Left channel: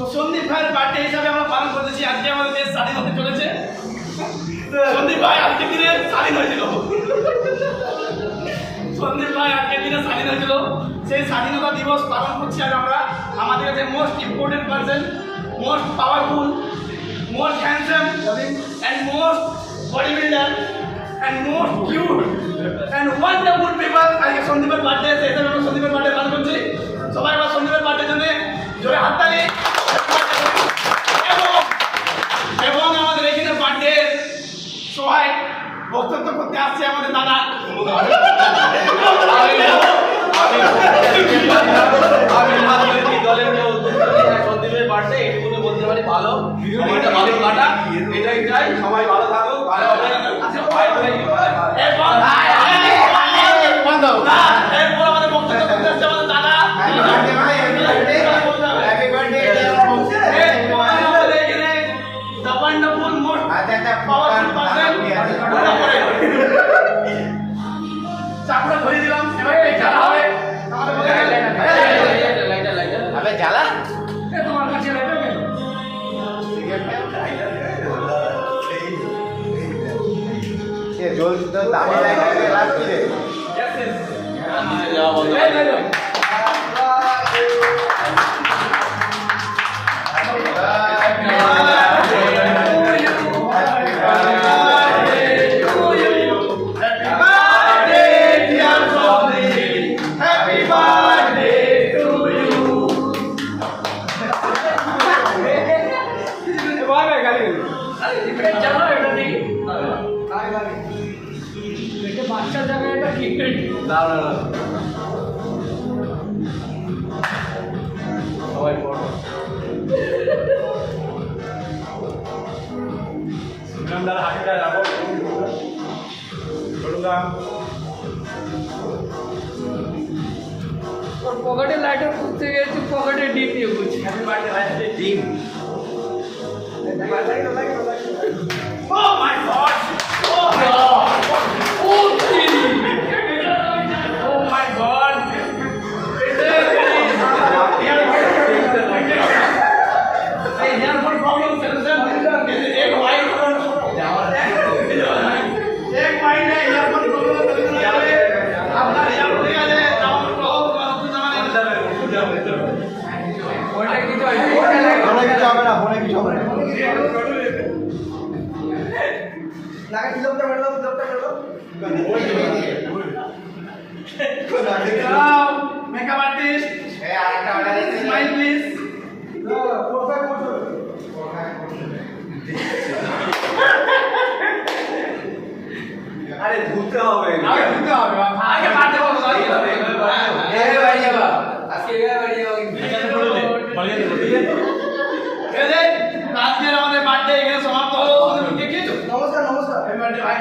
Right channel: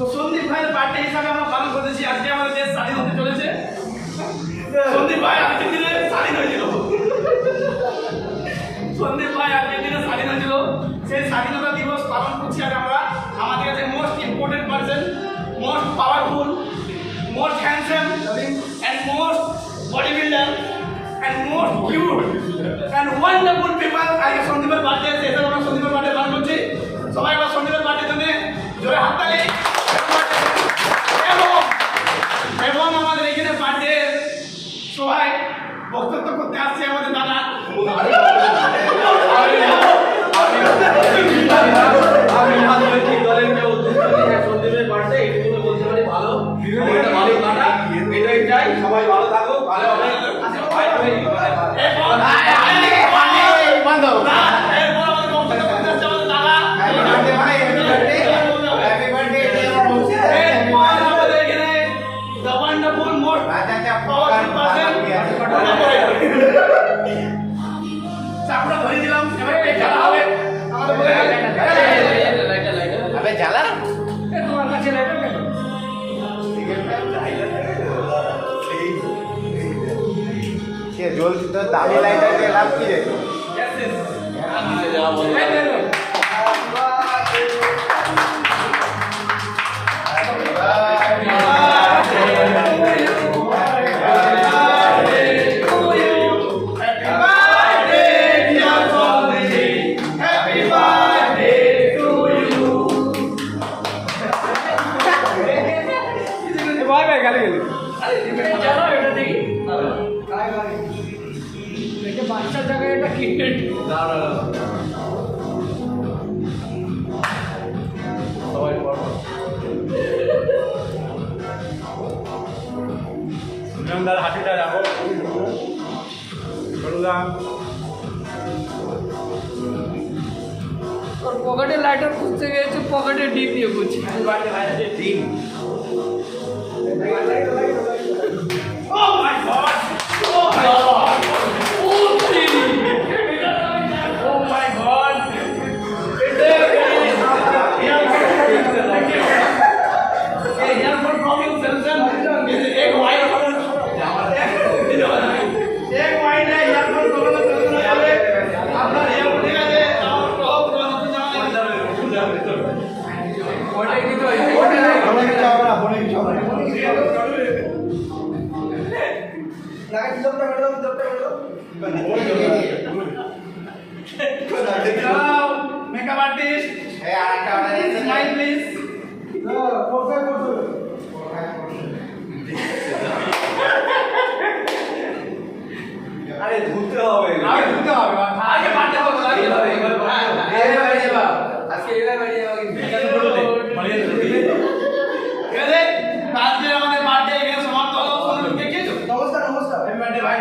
তো সন্দীপ ভাইয়ের বার্থডে হিসাবে আমরা পালন করেছি। আজকে আমাদের দেশ স্বাধীন হতে চলেছে। সন্দীপ ভাই আজকের দিনে স্বাধীন হয়েছিল। সন্দীপ ভাই আজকের দিনে স্বাধীন হয়েছিল। সেই স্বাধীনতা দিবস পালন করছি আজ আমরা। আমাদের কাছে most important person, most powerful, most handsome and most body builder and most cute and wonderful people আজকে সন্দীপের বার্থডে আছে। এসে আমরা সন্দীপের বার্থডে পালন করছি। সবাই আবার সন্দীপের বার্থডের জন্য জোরে হাততালি। এবং আমাদের এখানে বার্থডে সবাই বক্তব্য করতে আসছে আমাদের দাদা। সন্দীপের বার্থডে এইটুকু বলতে পারি ভালো, ভালো কাটা, এটাই চাই। সবাই ভালো থাকুক, ভালো হবে। চাপড়া ধরে দিলাম। জ্বালা তোমার কাছে জল তো দামি লাইটাকে লাভ কি রে বাচ্চার জায়গায় এটা কি সবাই পড়ো। হাঁটিটা রাখো। পকেটে লাইটার খুঁজতে গেছি, পকেটে ডিপ নিয়ে খুঁজছি। ডিম Oh my God! Oh my God! Oh my God! কিছু হবে না, ফোনে কিছু হবে না। Hello, makeup artist. Smile, please. আরে ধুতে হবে না। আগে ঢুকতে হবে। আগে পারতে হবে। আজকে এবার বাড়ি যাবো কিন্তু। ঠিক আছে, আজকে আমাদের বার্থডে এখানে সমাপ্ত হলো। কে কে তো? নমস্কার নমস্কার। হ্যাপি বার্থডে ভাই।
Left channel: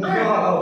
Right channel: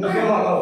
মুখে মাখাও।